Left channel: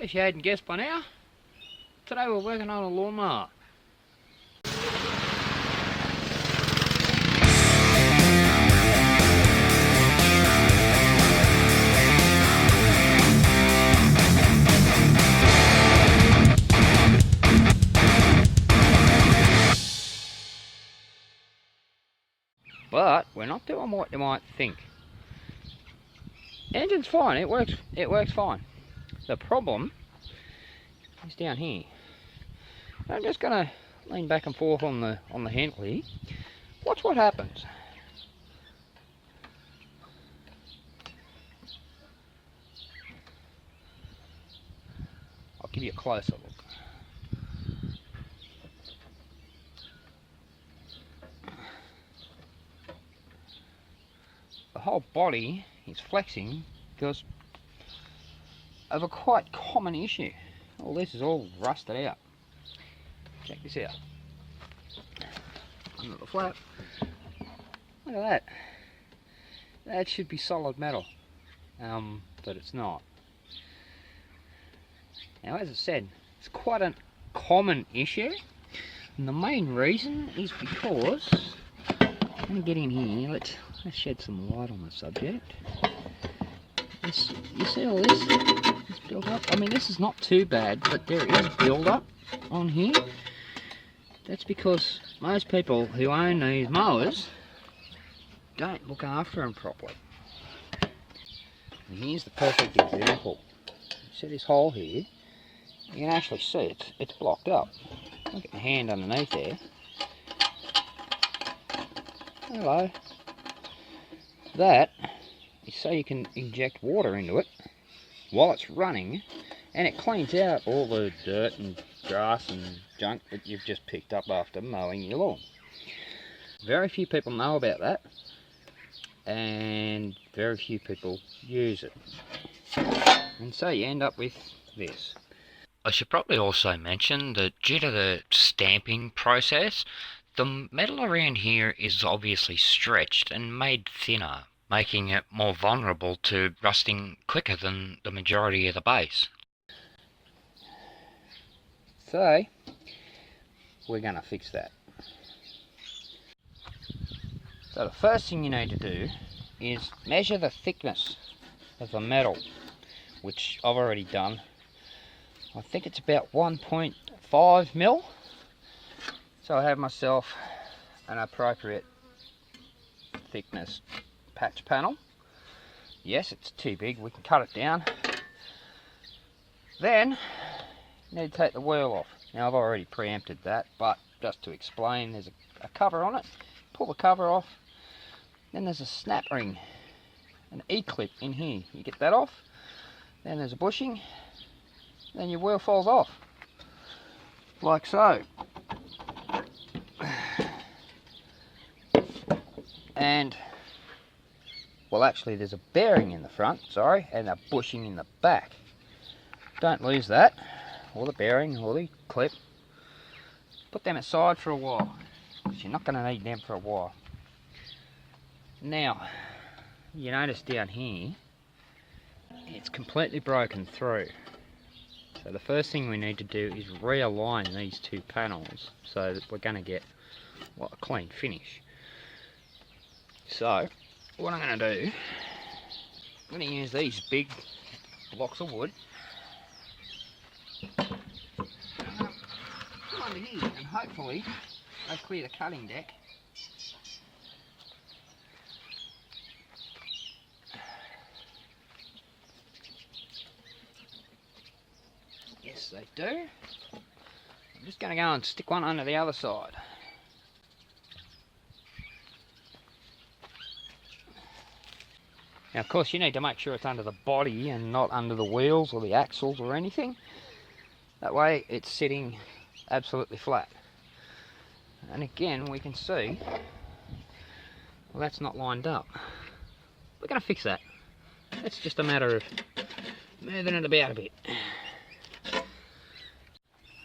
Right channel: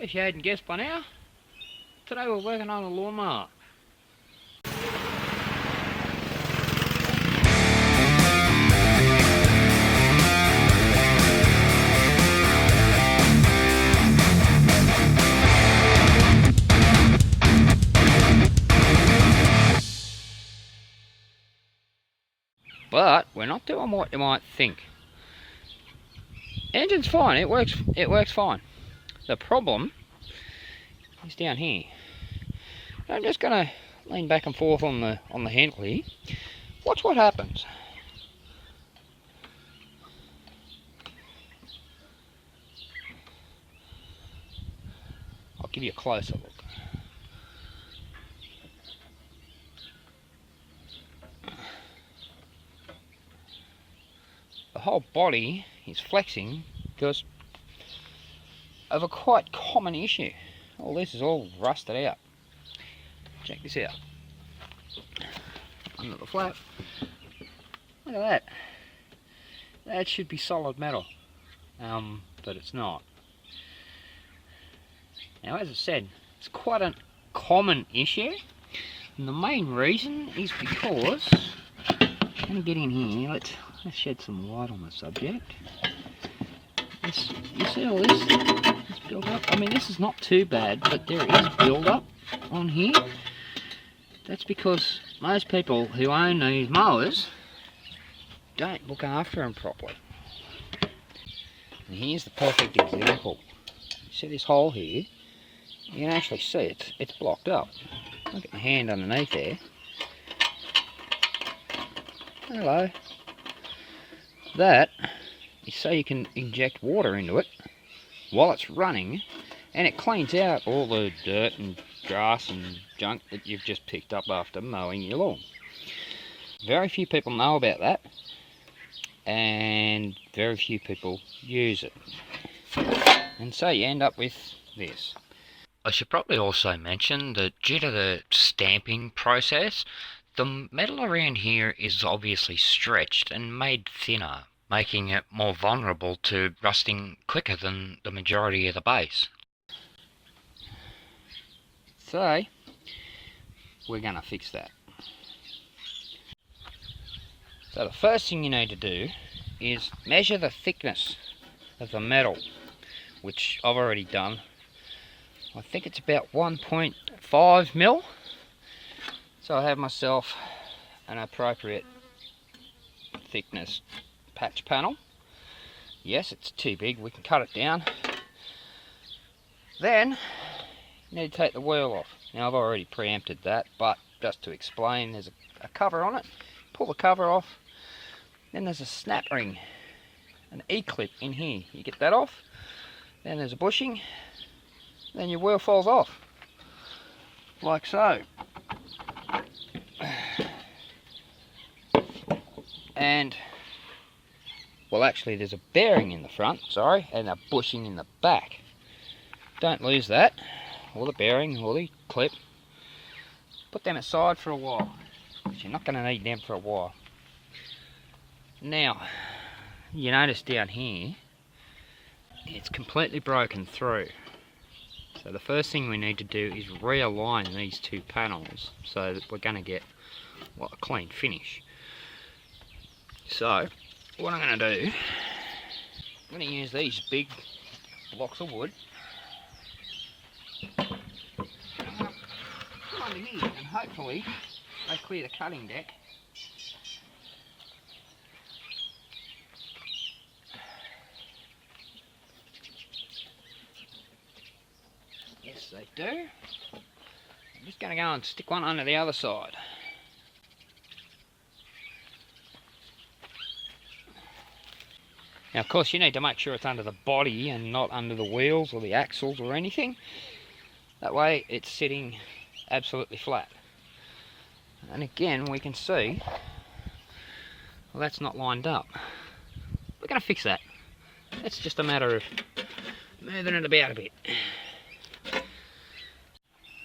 Guess you hadn't guessed by now. Today we're working on a lawnmower. But we're not doing what you might think. Engine's fine, it works fine. The problem is down here. I'm just gonna lean back and forth on the handle here. Watch what happens. I'll give you a closer look. The whole body is flexing because of a quite common issue. All this is all rusted out. Check this out. Under the flap. Look at that. That should be solid metal, but it's not. Now, as I said, it's quite a common issue, and the main reason is because I'm going to get in here. Let's shed some light on the subject. You see all this build up? I mean, this is not too bad, but there is build up on here. That's because most people who own these mowers don't look after them properly. And here's the perfect example. You see this hole here? You can actually see it's blocked up. Look at the hand underneath there. Hello. That is so you can inject water into it while it's running, and it cleans out all the dirt and grass and junk that you've just picked up after mowing your lawn. Very few people know about that, and very few people use it. And so you end up with this. I should probably also mention that due to the stamping process, the metal around here is obviously stretched and made thinner, making it more vulnerable to rusting quicker than the majority of the base. So, we're going to fix that. So the first thing you need to do is measure the thickness of the metal, which I've already done. I think it's about 1.5 mil. So I have myself an appropriate thickness patch panel. Yes, it's too big, we can cut it down. Then you need to take the wheel off. Now I've already preempted that, but just to explain, there's a cover on it. Pull the cover off, then there's a snap ring, an E-clip in here. You get that off, then there's a bushing, then your wheel falls off, like so. And, well, actually there's a bearing in the front, sorry, and a bushing in the back. Don't lose that, or the bearing, or the clip. Put them aside for a while, because you're not going to need them for a while. Now, you notice down here, it's completely broken through. So the first thing we need to do is realign these two panels so that we're going to get, well, a clean finish. So what I'm going to do, I'm going to use these big blocks of wood. I'm going to put under here and hopefully they clear the cutting deck. Yes, they do. I'm just going to go and stick one under the other side. Now, of course, you need to make sure it's under the body and not under the wheels or the axles or anything. That way, it's sitting absolutely flat. And again, we can see, well, that's not lined up. We're going to fix that. It's just a matter of moving it about a bit.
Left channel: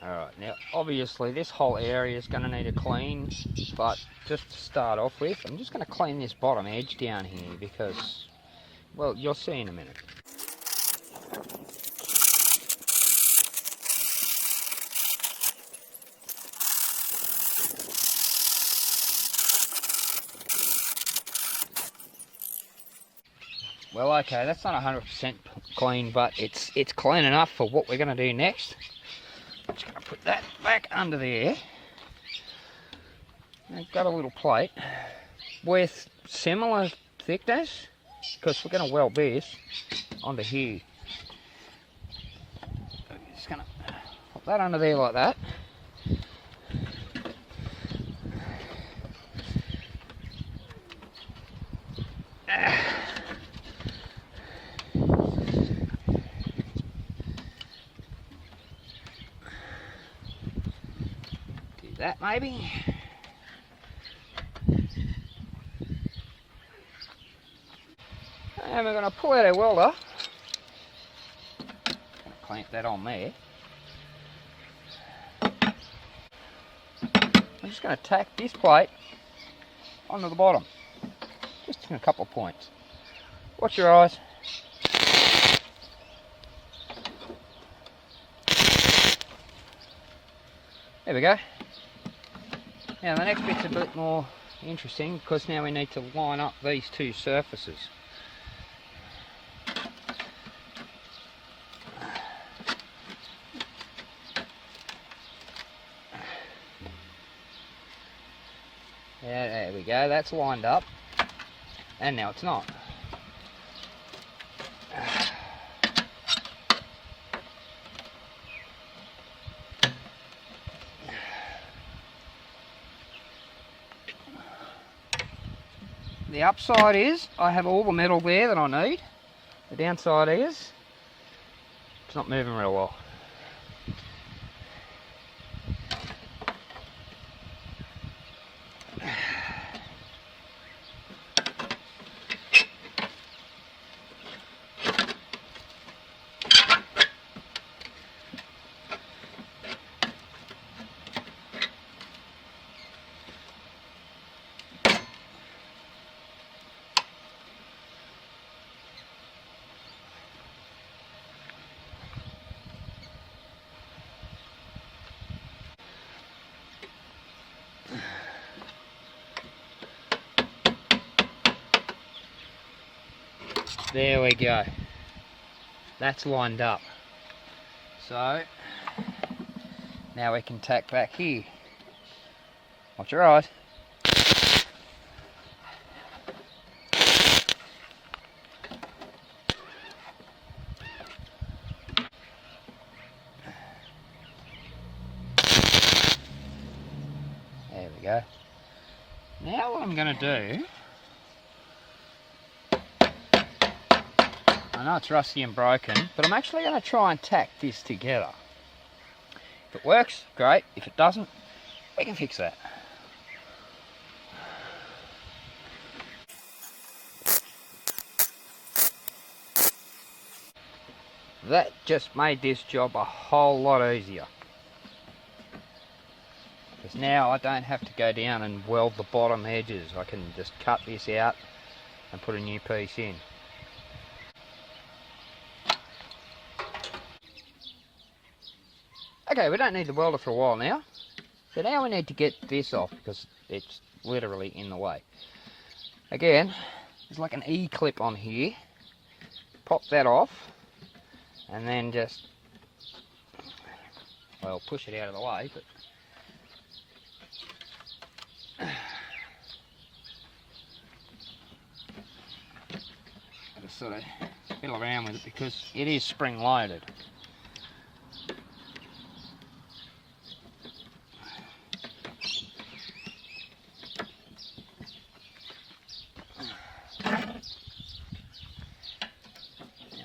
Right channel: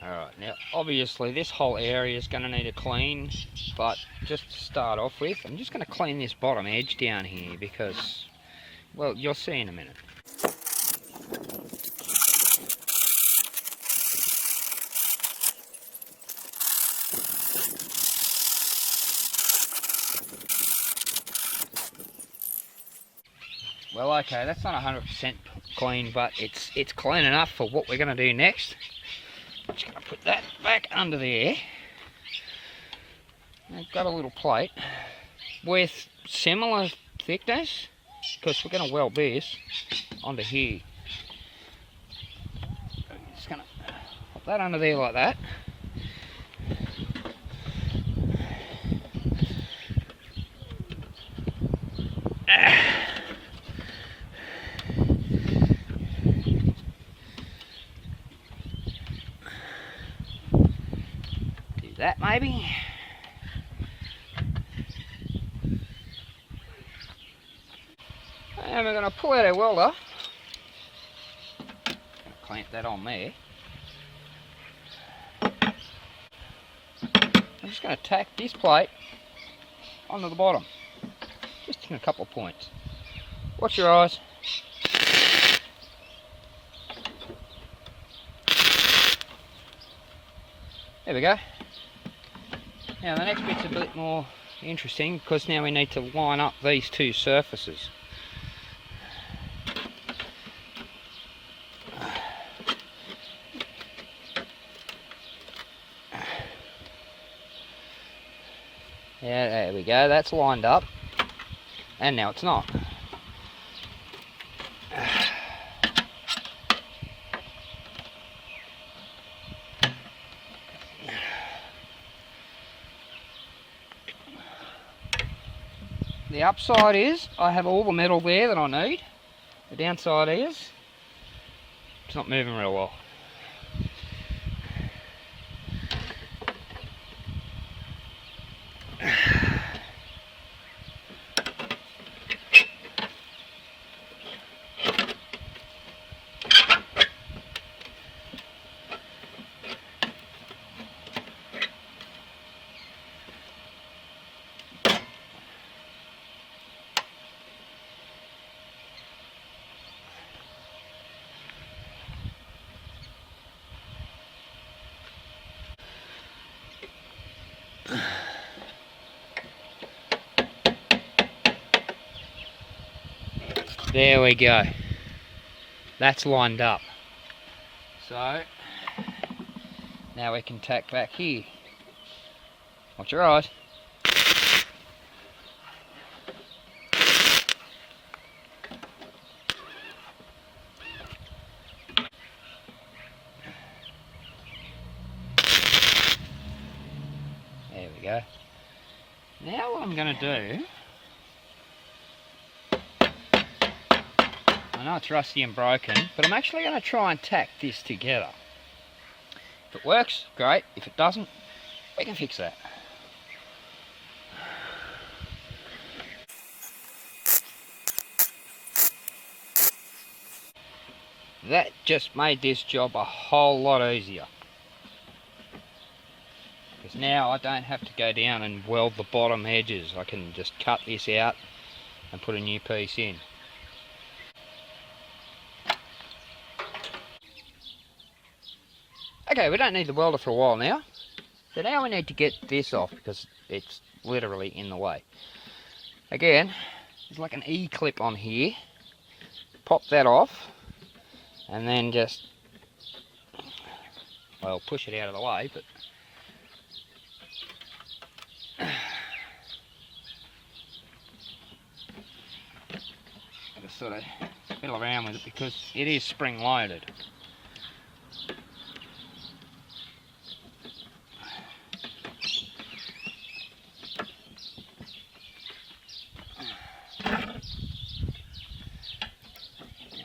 Alright, now obviously this whole area is going to need a clean, but just to start off with, I'm just going to clean this bottom edge down here because, well, you'll see in a minute. Well, okay, that's not 100% clean, but it's clean enough for what we're going to do next. I'm just going to put that back under there. I've got a little plate with similar thickness, because we're going to weld this onto here. So just going to pop that under there like that. Do that maybe. And we're going to pull out our welder. Going to clamp that on there. I'm just going to tack this plate onto the bottom. Just in a couple of points. Watch your eyes. There we go. Now the next bit's a bit more interesting, because now we need to line up these two surfaces. Yeah, there we go, that's lined up. And now it's not. The upside is I have all the metal there that I need. The downside is it's not moving real well. There we go. That's lined up. So now we can tack back here. Watch your eyes. There we go. Now what I'm going to do, I know it's rusty and broken, but I'm actually going to try and tack this together. If it works, great. If it doesn't, we can fix that. That just made this job a whole lot easier. Because now I don't have to go down and weld the bottom edges. I can just cut this out and put a new piece in. Okay, we don't need the welder for a while now. So now we need to get this off because it's literally in the way. Again, there's like an E-clip on here. Pop that off and then just, well, push it out of the way, but I just sort of fiddle around with it because it is spring loaded.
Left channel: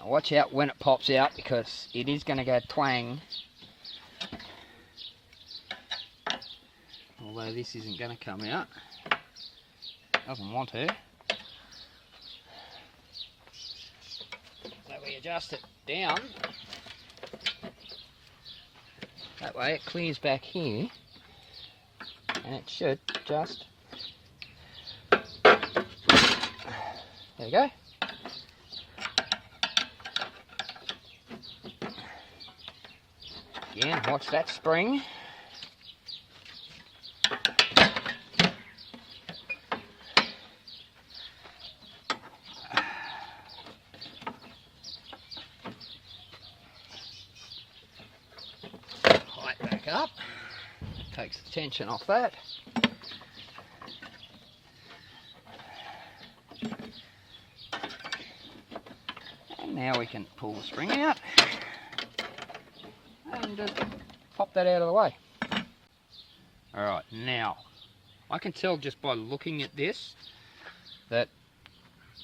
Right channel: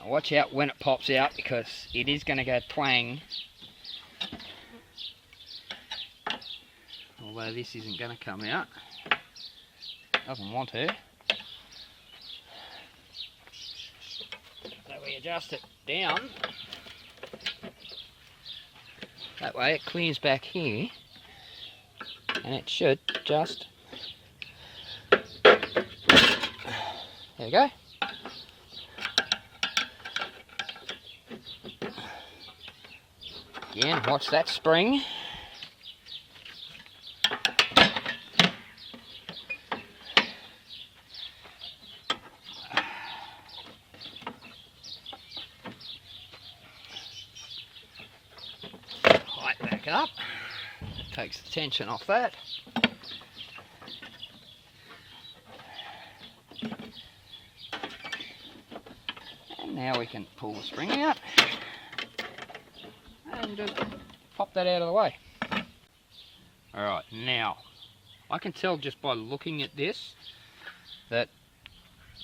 Watch out when it pops out because it is going to go twang. Although this isn't going to come out. Doesn't want to. So we adjust it down. That way it clears back here. And it should just... There we go. Again, watch that spring. up. It takes the tension off that. And now we can pull the spring out and just pop that out of the way. Alright, now I can tell just by looking at this that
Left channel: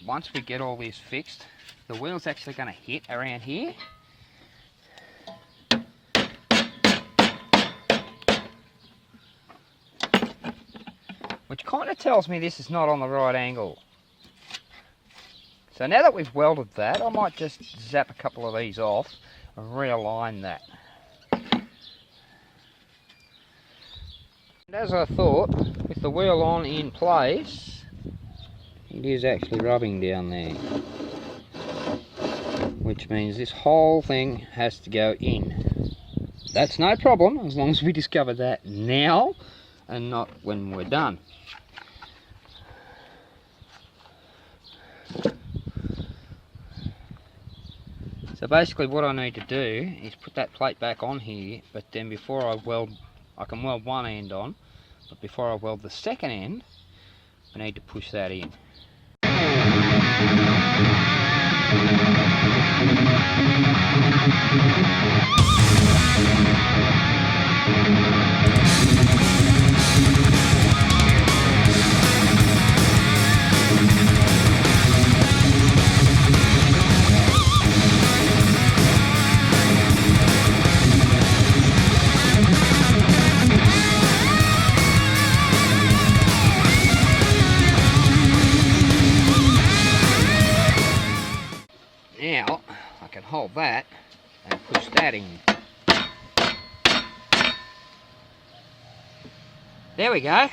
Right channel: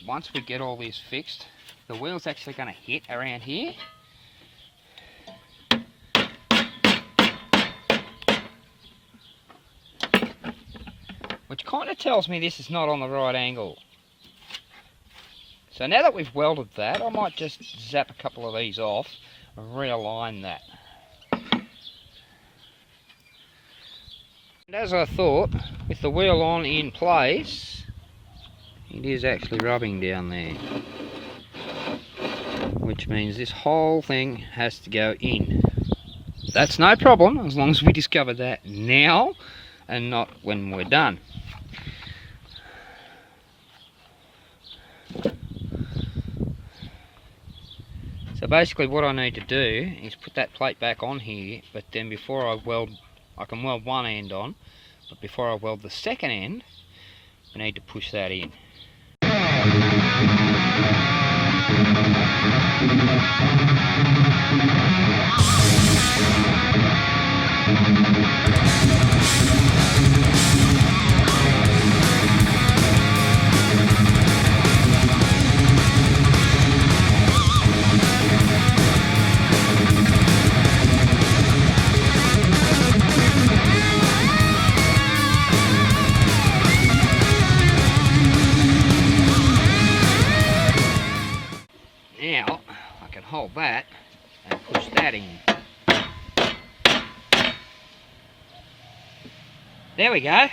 once we get all this fixed, the wheel's actually going to hit around here. Which kind of tells me this is not on the right angle. So now that we've welded that, I might just zap a couple of these off and realign that. And as I thought, with the wheel on in place, it is actually rubbing down there. Which means this whole thing has to go in. That's no problem, as long as we discover that now and not when we're done. So basically what I need to do is put that plate back on here, but then before I weld, I can weld one end on, but before I weld the second end, I need to push that in. Now I can hold that and push that in. There we go.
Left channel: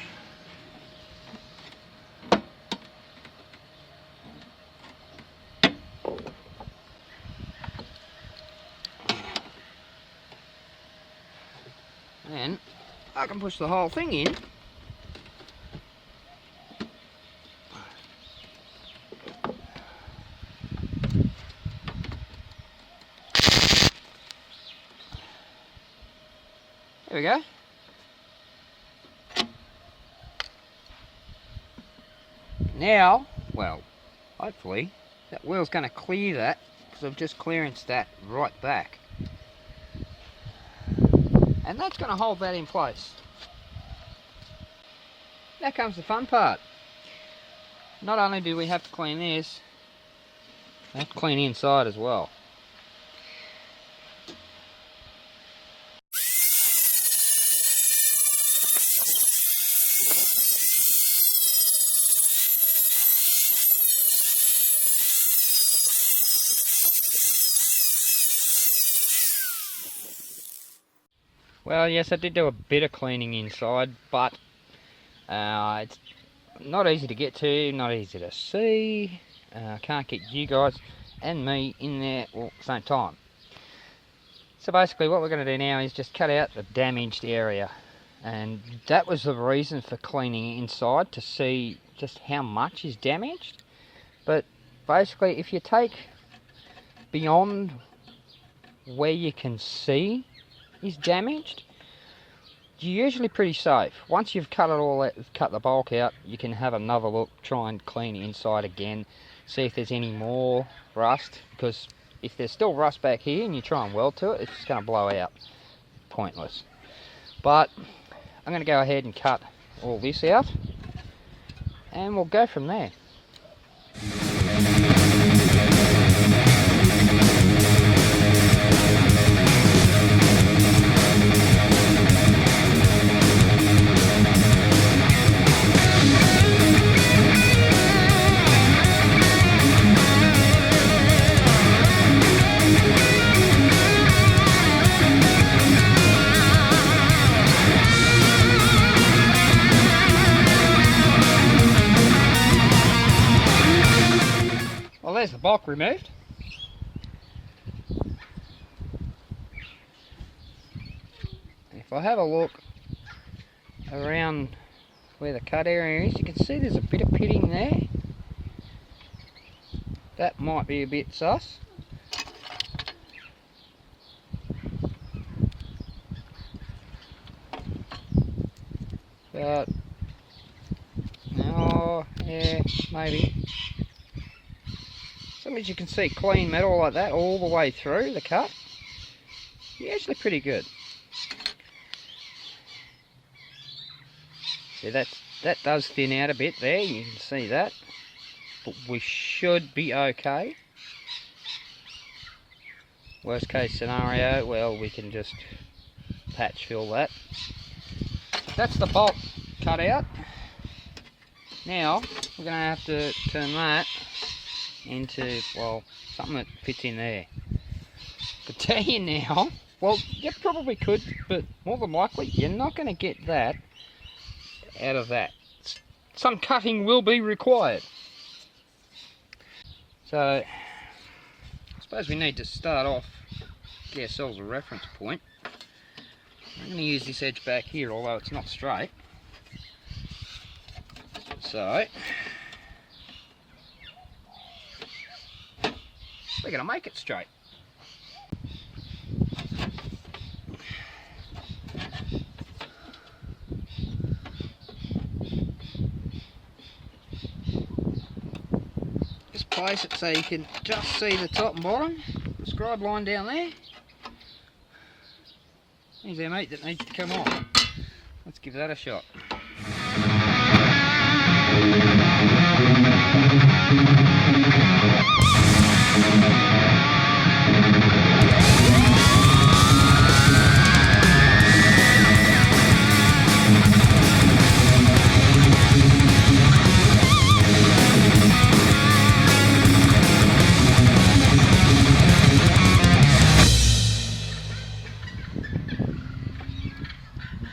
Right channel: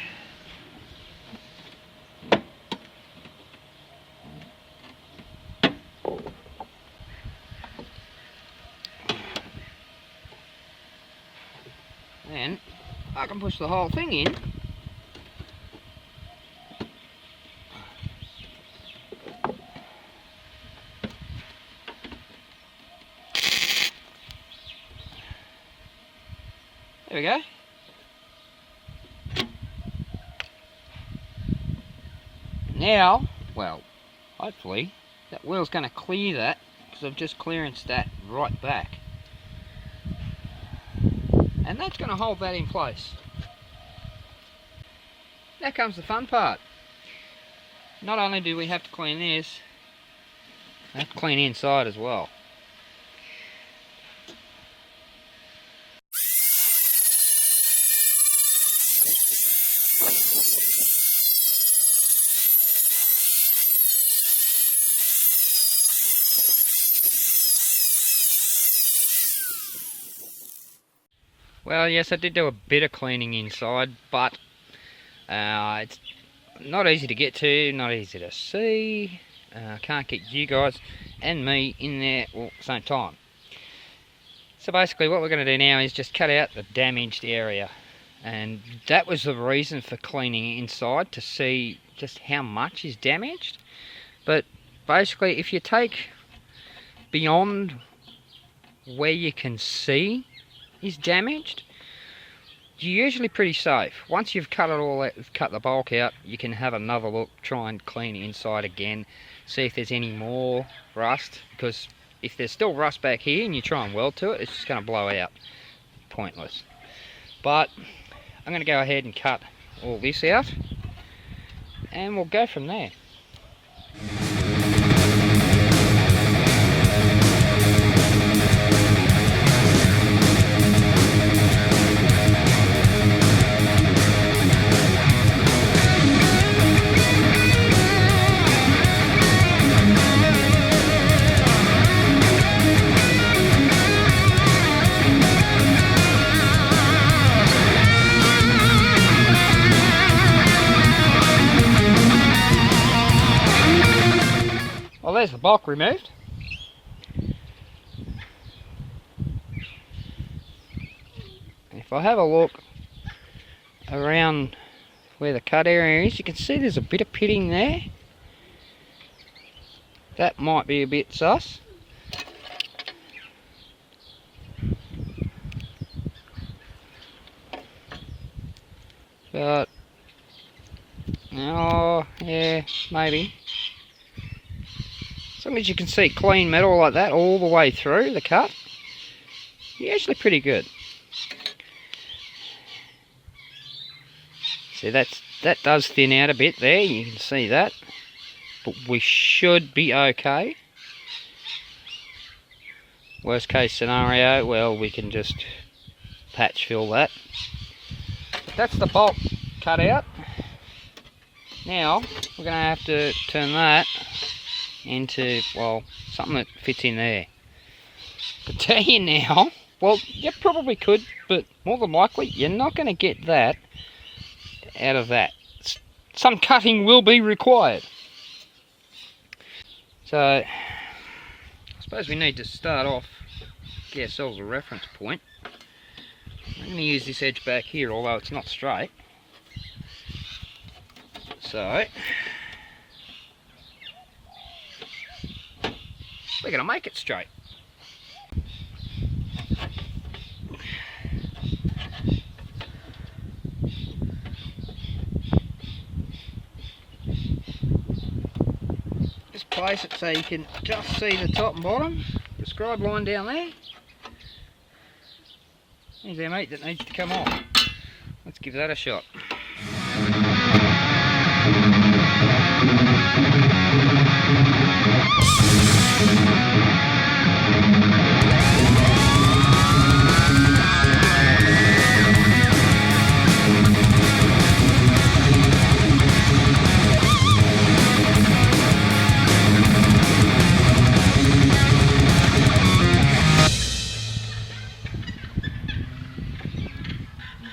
Then I can push the whole thing in. There we go. Now, well, hopefully that wheel's going to clear that, because I've just clearanced that right back. And that's going to hold that in place. Now comes the fun part. Not only do we have to clean this, we have to clean inside as well. Well, yes, I did do a bit of cleaning inside, but it's not easy to get to, not easy to see. Can't get you guys and me in there all at the same time. So basically what we're going to do now is just cut out the damaged area. And that was the reason for cleaning inside, to see just how much is damaged. But basically if you take beyond where you can see is damaged, you're usually pretty safe. Once you've cut it all out, cut the bulk out, you can have another look, try and clean inside again, see if there's any more rust, because if there's still rust back here and you try and weld to it, it's just going to blow out. Pointless. But I'm going to go ahead and cut all this out and we'll go from there. Well, there's the bulk removed. If I have a look around where the cut area is, you can see there's a bit of pitting there. That might be a bit sus. but oh yeah, maybe. As long as you can see clean metal like that all the way through the cut, you're actually pretty good. See, that does thin out a bit there, you can see that, but we should be okay. Worst case scenario, well, we can just patch fill that. That's the bolt cut out. Now we're going to have to turn that into, well, something that fits in there. But tell you now, well, you probably could, but more than likely you're not going to get that out of that. Some cutting will be required. So I suppose we need to start off, get ourselves a reference point. I'm going to use this edge back here, although it's not straight. So we're going to make it straight. Just place it so you can just see the top and bottom. The scribe line down there. There's our meat that needs to come off. Let's give that a shot.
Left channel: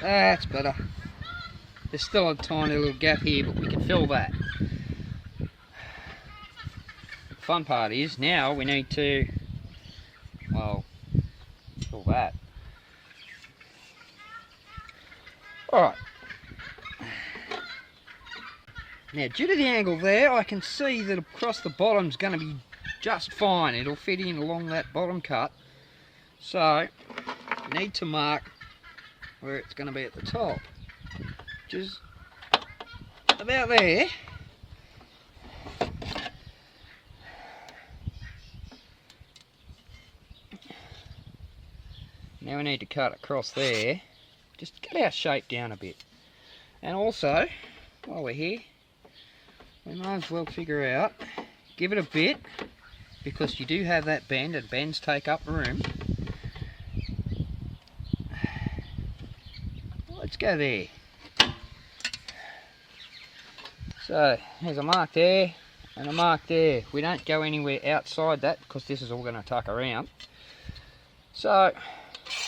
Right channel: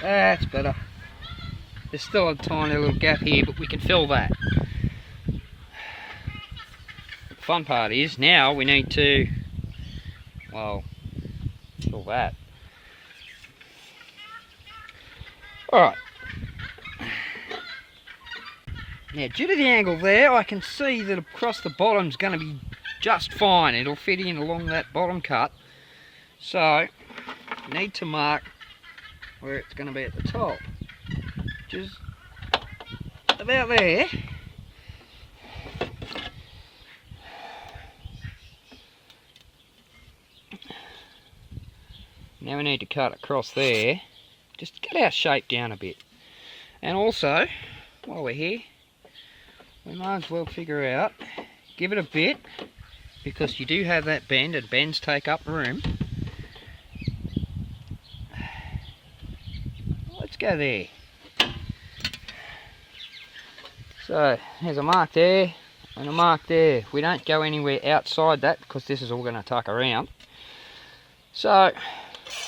That's better. There's still a tiny little gap here, but we can fill that. The fun part is now we need to, well, fill that. Alright. Now, due to the angle there, I can see that across the bottom's going to be just fine. It'll fit in along that bottom cut. So, we need to mark where it's going to be at the top, which is about there. Now we need to cut across there, just to get our shape down a bit. And also, while we're here, we might as well figure out, give it a bit, because you do have that bend, and bends take up room. Let's go there. So there's a mark there and a mark there. We don't go anywhere outside that because this is all going to tuck around. So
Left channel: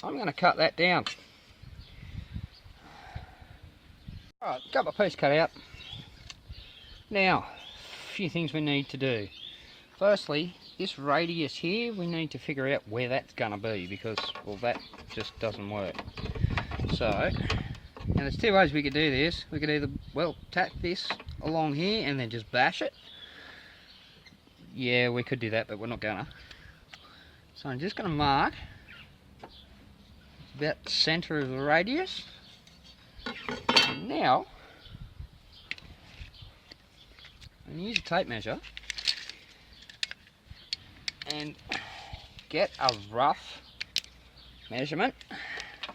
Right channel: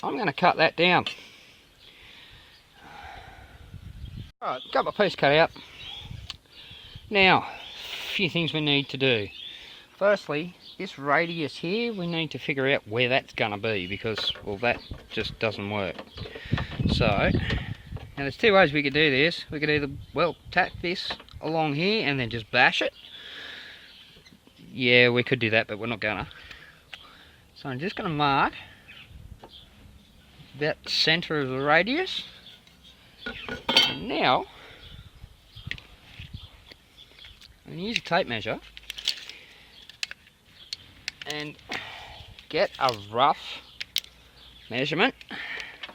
I'm going to cut that down. Alright, got my piece cut out. Now, a few things we need to do. Firstly, this radius here, we need to figure out where that's going to be because, well, that just doesn't work. So, now there's two ways we could do this. We could either, well, tack this along here and then just bash it. Yeah, we could do that, but we're not gonna. So I'm just gonna mark about the center of the radius. And now, I'm gonna use a tape measure and get a rough measurement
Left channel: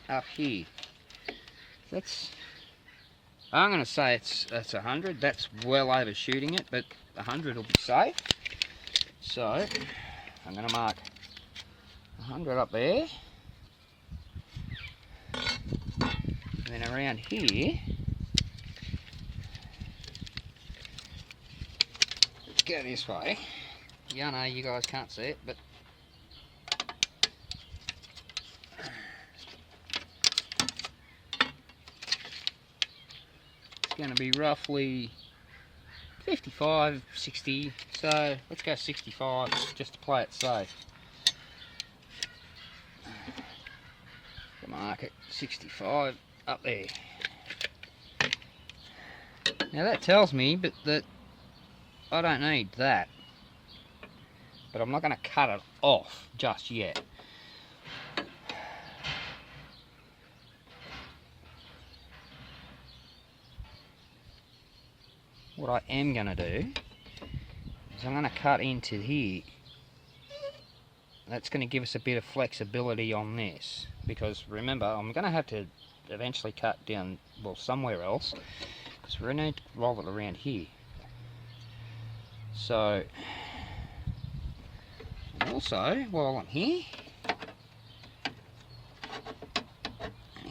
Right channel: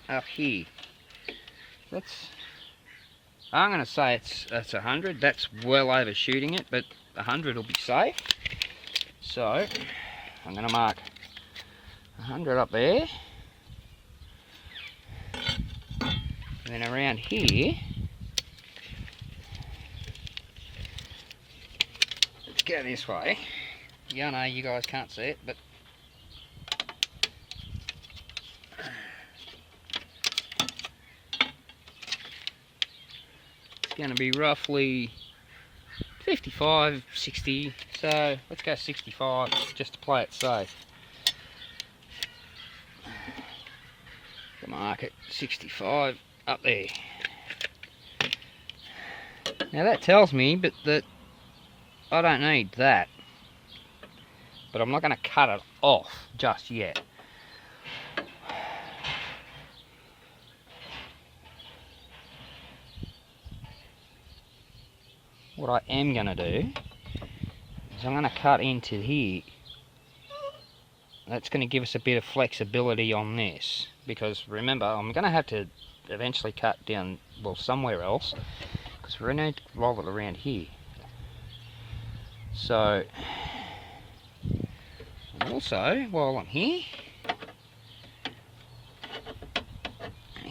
up here. That's, I'm going to say it's 100. That's well overshooting it, but 100 will be safe. So I'm going to mark 100 up there, and then around here, let's go this way. Yeah, I know you guys can't see it, but going to be roughly 55, 60, so let's go 65 just to play it safe. Mark it 65 up there. Now that tells me that I don't need that, but I'm not going to cut it off just yet. what I am going to do is I'm going to cut into here. That's going to give us a bit of flexibility on this, because remember, I'm going to have to eventually cut down, well, somewhere else, because we're going to need to roll it around here. So, and also, while I'm here,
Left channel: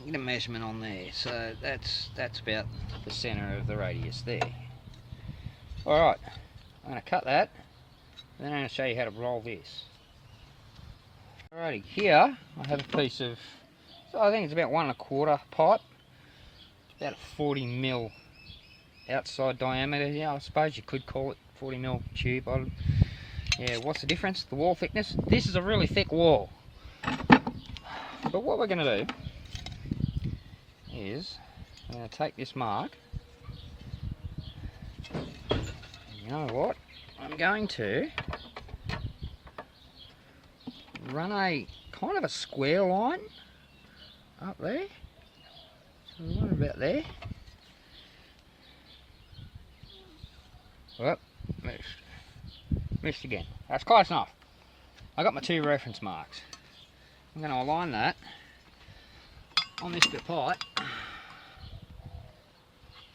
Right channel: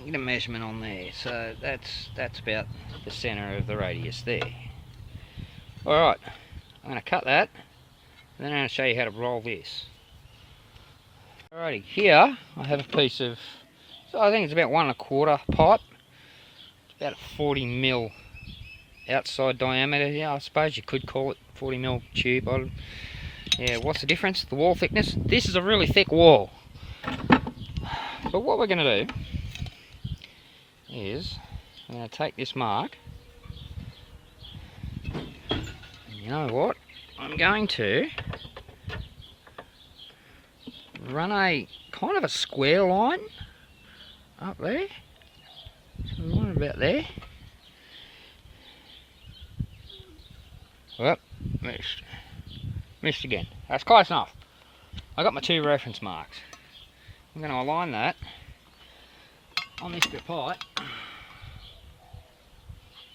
get a measurement on there. So that's about the centre of the radius there. Alright, I'm going to cut that, and then I'm going to show you how to roll this. Alrighty, here I have a piece of, so I think it's about 1 1/4 pipe. It's about a 40mm outside diameter. Yeah, I suppose you could call it 40mm tube. Yeah, what's the difference? The wall thickness. This is a really thick wall. But what we're going to do is, I'm going to take this mark, and you know what? I'm going to run a kind of a square line up there, so one about there. Well, missed again. That's close enough. I got my 2 reference marks. I'm going to align that on this bit of pipe,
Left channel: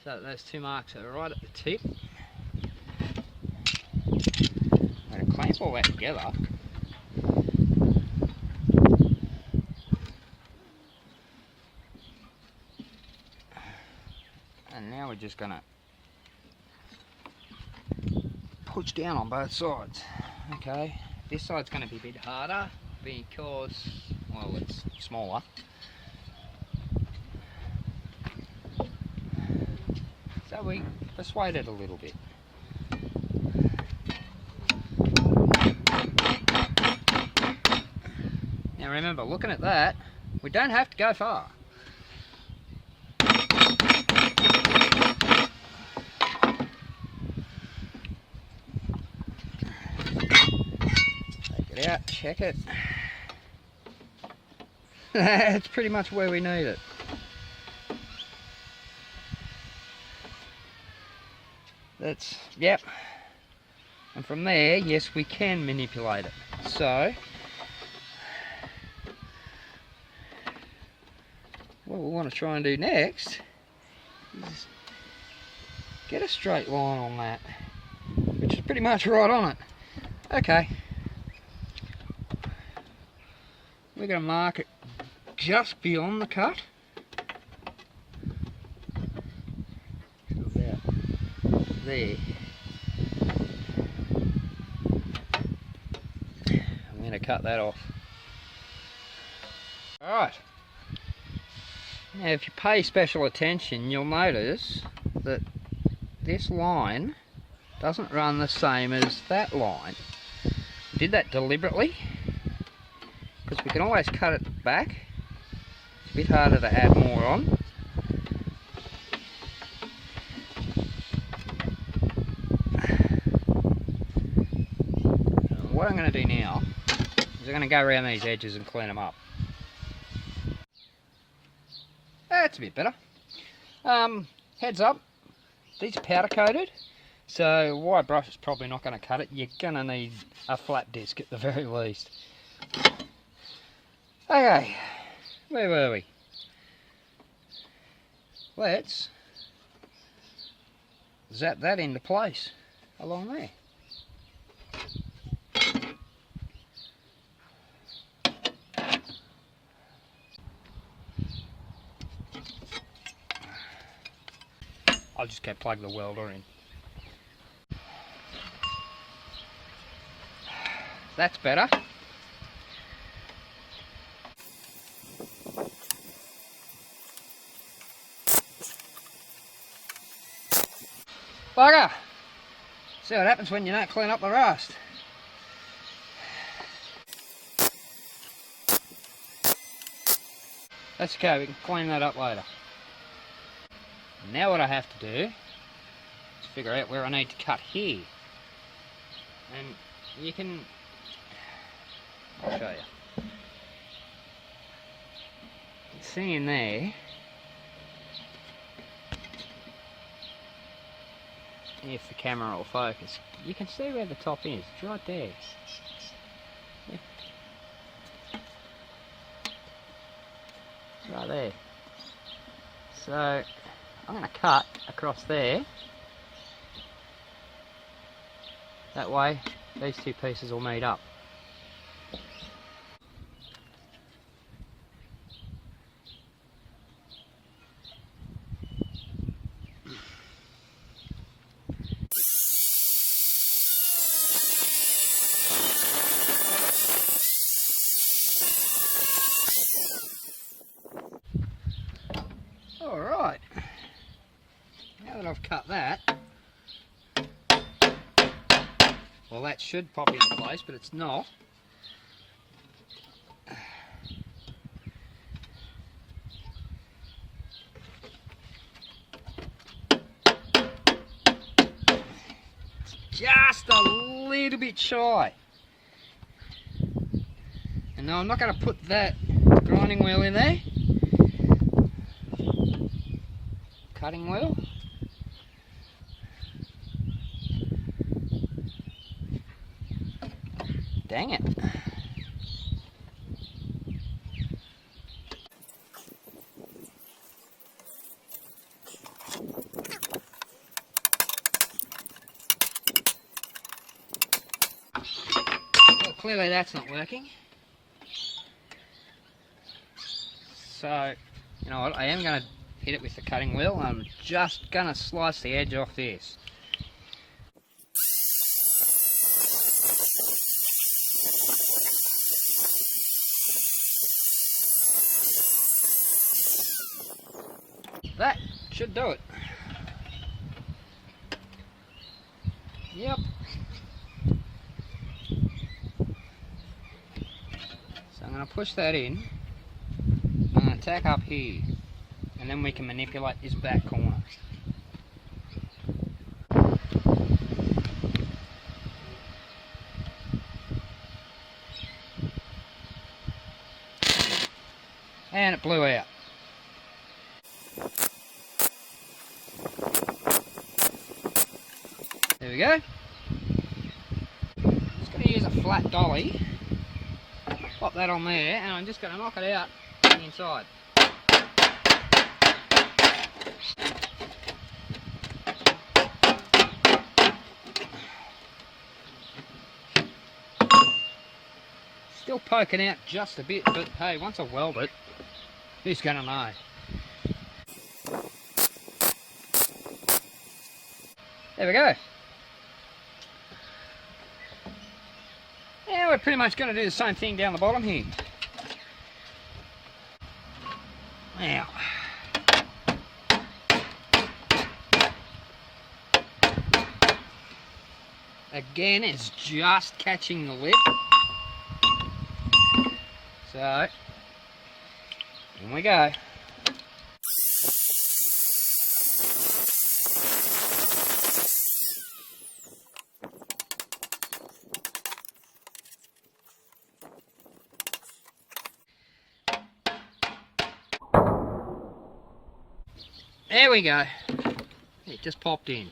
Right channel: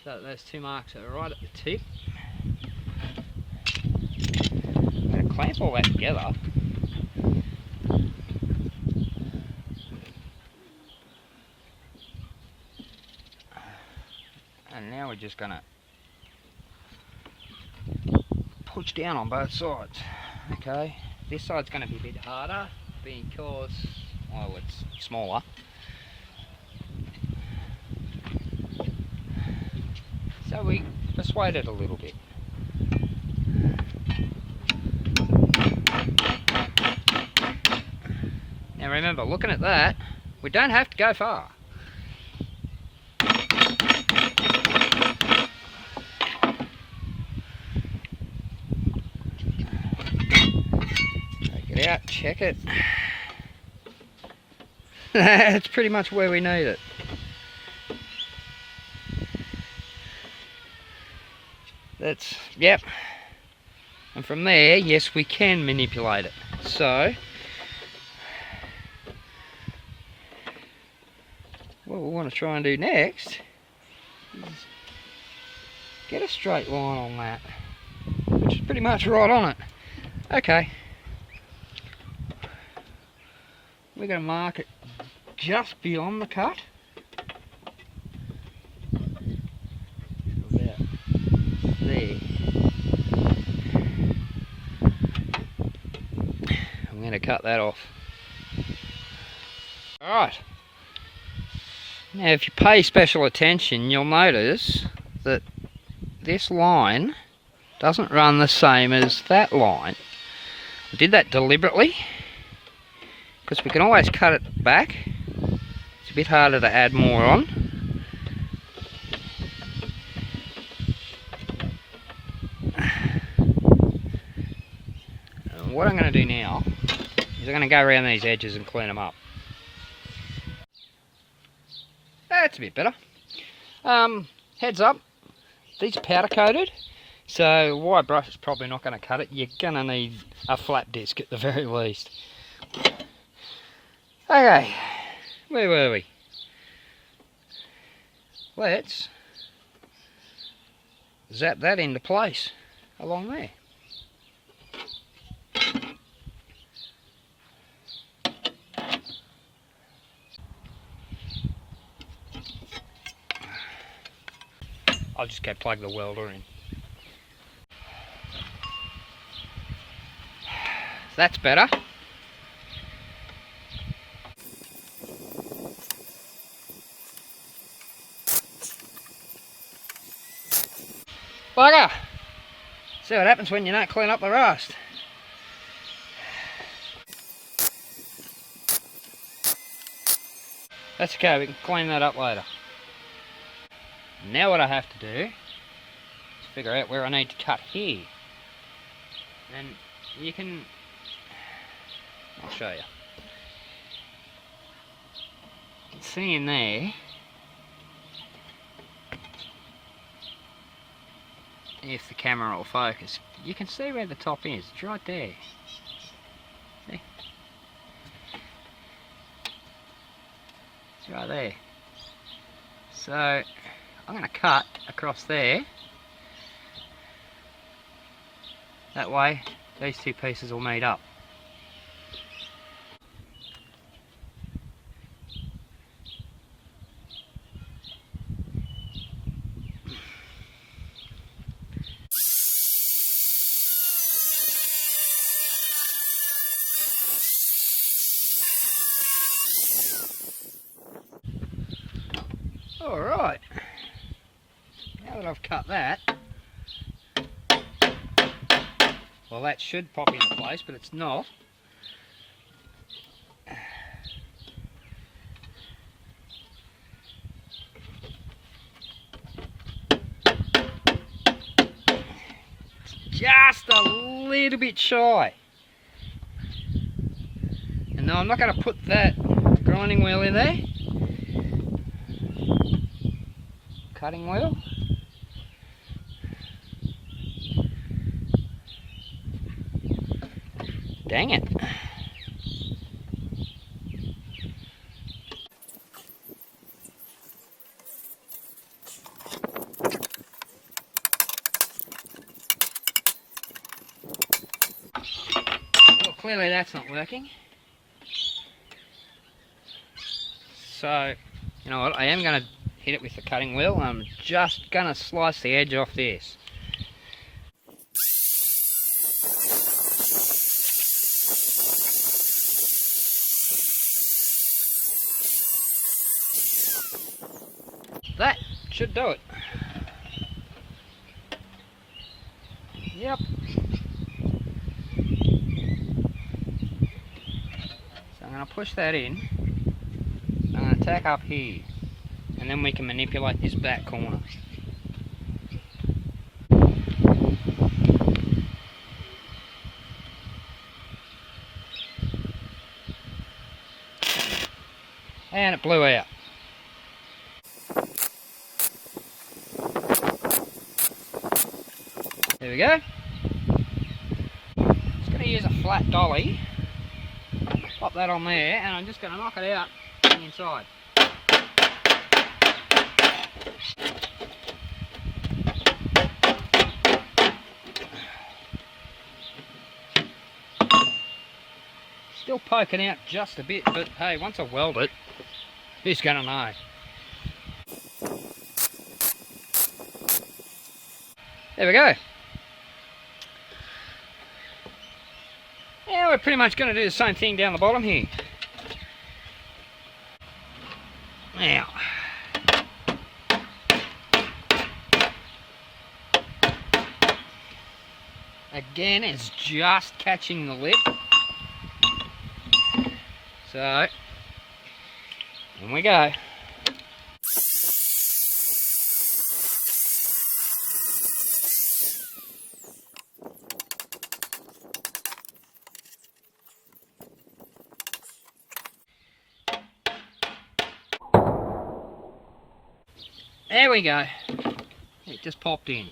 so that those 2 marks are right at the tip. I'm going to clamp all that together. And now we're just going to push down on both sides. Okay, this side's going to be a bit harder because, well, it's smaller. So we persuade it a little bit. Now remember, looking at that, we don't have to go far. Take it out, check it. That's pretty much where we need it. That's, yep. And from there, yes, we can manipulate it. So, what we want to try and do next is get a straight line on that, which is pretty much right on it. Okay. We're going to mark it just beyond the cut. About there. I'm going to cut that off. Alright. Now if you pay special attention, you'll notice that this line doesn't run the same as that line. I did that deliberately, because we can always cut it back. It's a bit harder to add more on. What I'm going to do now is I'm going to go around these edges and clean them up. That's a bit better. Heads up, these are powder coated, so a wire brush is probably not going to cut it. You're going to need a flat disc at the very least. Okay, where were we? Let's zap that into place along there. I'll just go plug the welder in. That's better. Bugger! See what happens when you don't clean up the rust. That's okay, we can clean that up later. Now what I have to do is figure out where I need to cut here. And you can, I'll show you. See in there, if the camera will focus, you can see where the top is. It's right there. See? It's right there. So I'm going to cut across there. That way these two pieces will meet up. Alright, now that I've cut that, well, that should pop into place, but it's not. It's just a little bit shy. And no, I'm not going to put that grinding wheel in there. Cutting wheel. Dang it. Well, clearly that's not working. So, you know what, I am going to hit it with the cutting wheel. I'm just going to slice the edge off this. That should do it. Yep. So I'm going to push that in. I'm going to tack up here. And then we can manipulate this back corner. And it blew out. There we go. Just going to use a flat dolly. Pop that on there, and I'm just going to knock it out on the inside. Still poking out just a bit, but hey, once I weld it, who's going to know? There we go. Now we're pretty much going to do the same thing down the bottom here. Now, again, it's just catching the lip. So, in we go. There we go. It just popped in.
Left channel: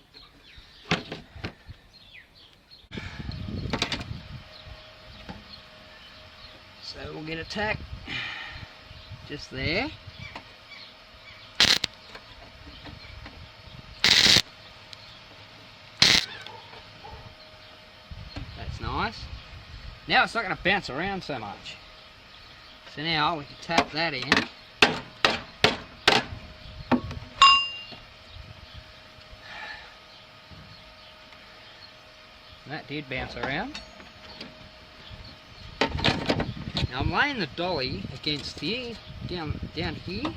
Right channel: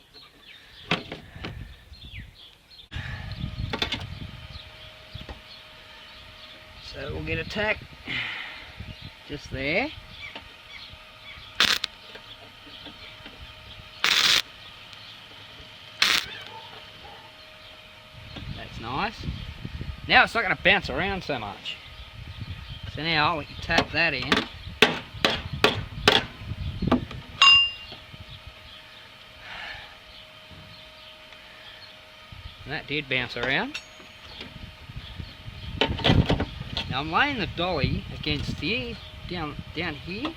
So we'll get a tack just there. That's nice. Now it's not going to bounce around so much. So now we can tap that in. And that did bounce around. Now I'm laying the dolly against here, down here,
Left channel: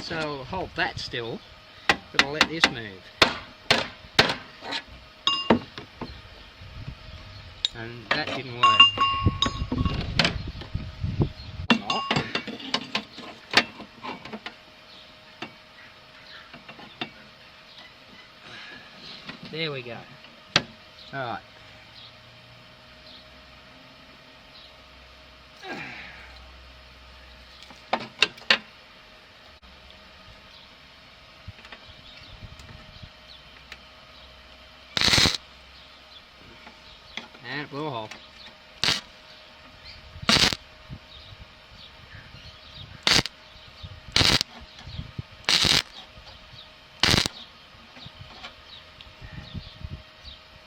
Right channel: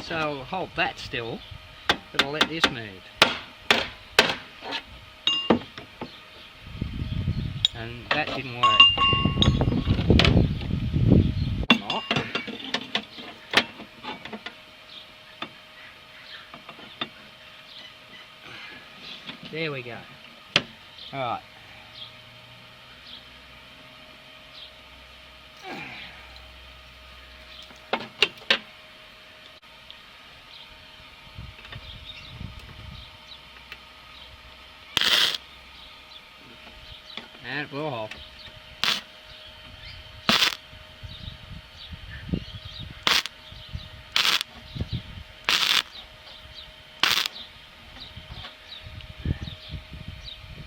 so I'll hold that still, but I'll let this move. And that didn't work. Or not. There we go. Alright. it will hold.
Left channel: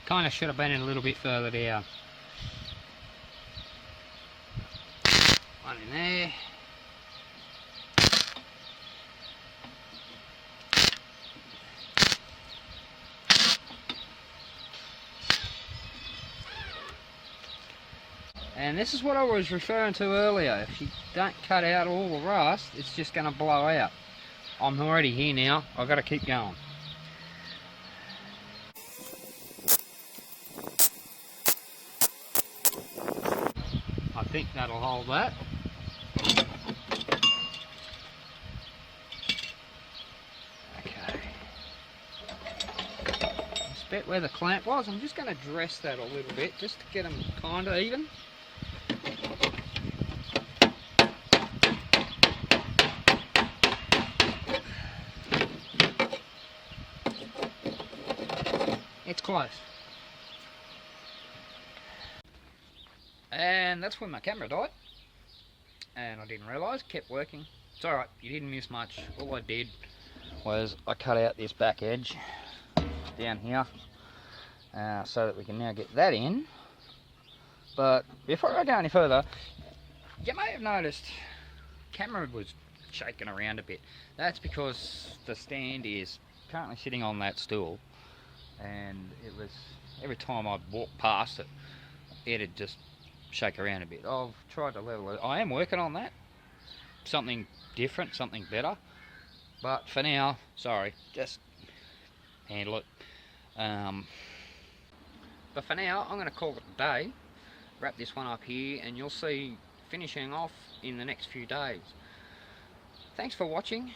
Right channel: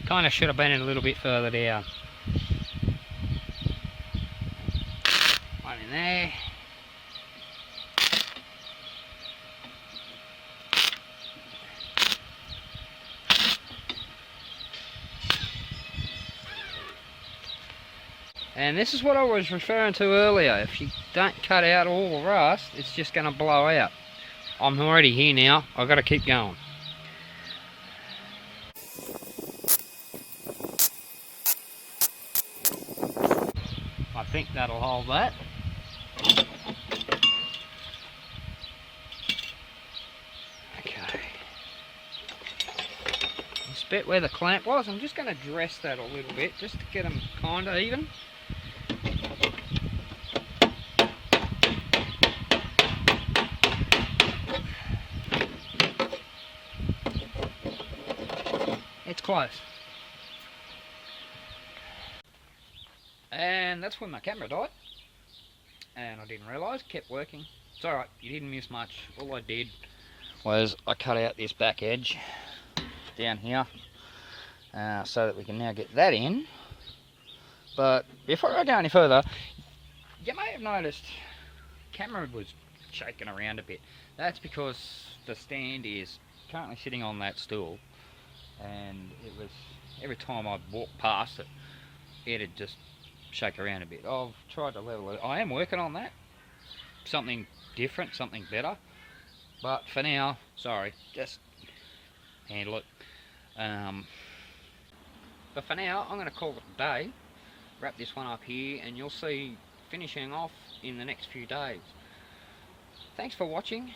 Kind of should have been a little bit further down. One in there. And this is what I was referring to earlier. If you don't cut out all the rust, it's just going to blow out. I'm already here now. I've got to keep going. I think that'll hold that. Okay. This bit where the clamp was, I'm just going to dress that a little bit just to get them kind of even. It's close. And that's when my camera died. And I didn't realise, kept working. It's alright, you didn't miss much. All I did was I cut out this back edge down here so that we can now get that in. But before I go any further, you may have noticed camera was shaking around a bit. That's because the stand is currently sitting on that stool, and it was every time I'd walk past it, it'd just shake around a bit. I've tried to level it. I am working on that. Something different, something better. But for now, sorry, just handle it. But for now, I'm going to call it a day. Wrap this one up here, and you'll see finishing off in the next few days. Thanks for watching.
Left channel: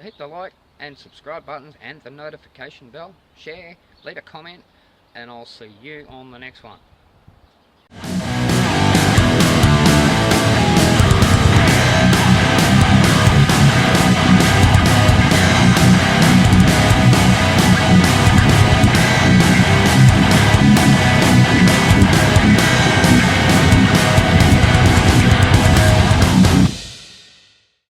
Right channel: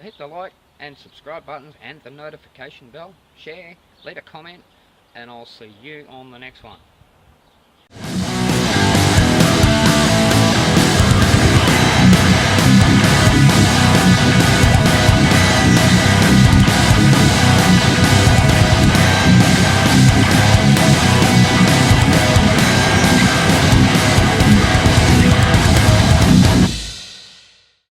Hit the like and subscribe buttons and the notification bell. Share, leave a comment, and I'll see you on the next one.